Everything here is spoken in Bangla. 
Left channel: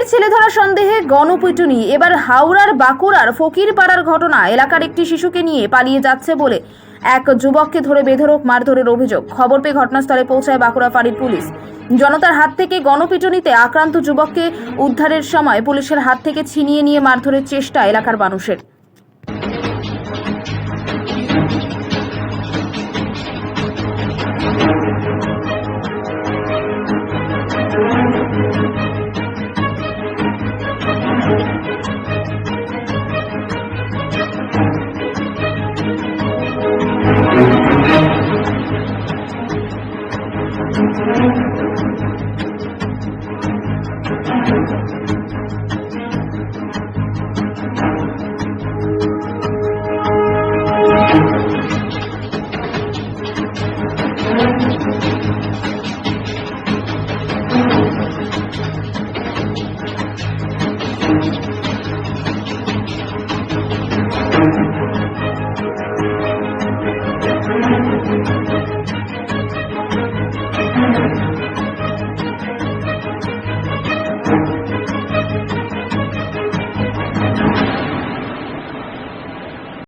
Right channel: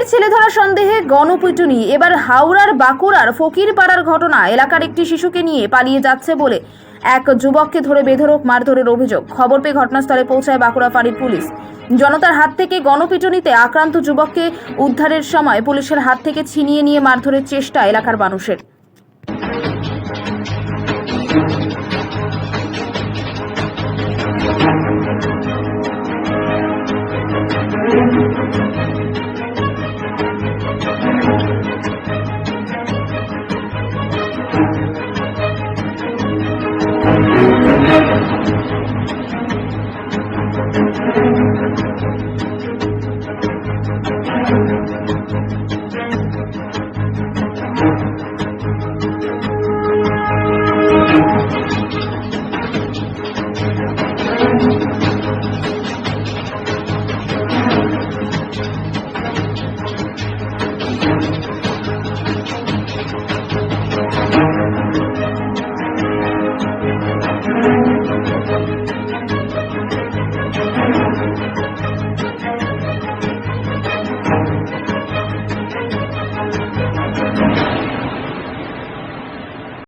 মেয়ের ছেলেধরা সন্দেহে গণপিটুনি। এবার হাওড়ার বাঁকুড়ার ফকিরপাড়ার ঘটনা। এলাকার একটি শিশুকে নিয়ে পালিয়ে যাচ্ছে বলে এক যুবককে ধরে বেধড়ক মারধরের অভিযোগ। খবর পেয়ে ঘটনাস্থলে পৌঁছায় বাঁকুড়া ফাঁড়ির পুলিশ। জনতার হাত থেকে গণপিটুনিতে আক্রান্ত যুবককে উদ্ধারের সময় পুলিশের হাত থেকে ছিনিয়ে নিয়ে মারধরের চেষ্টা এলাকার মানুষের।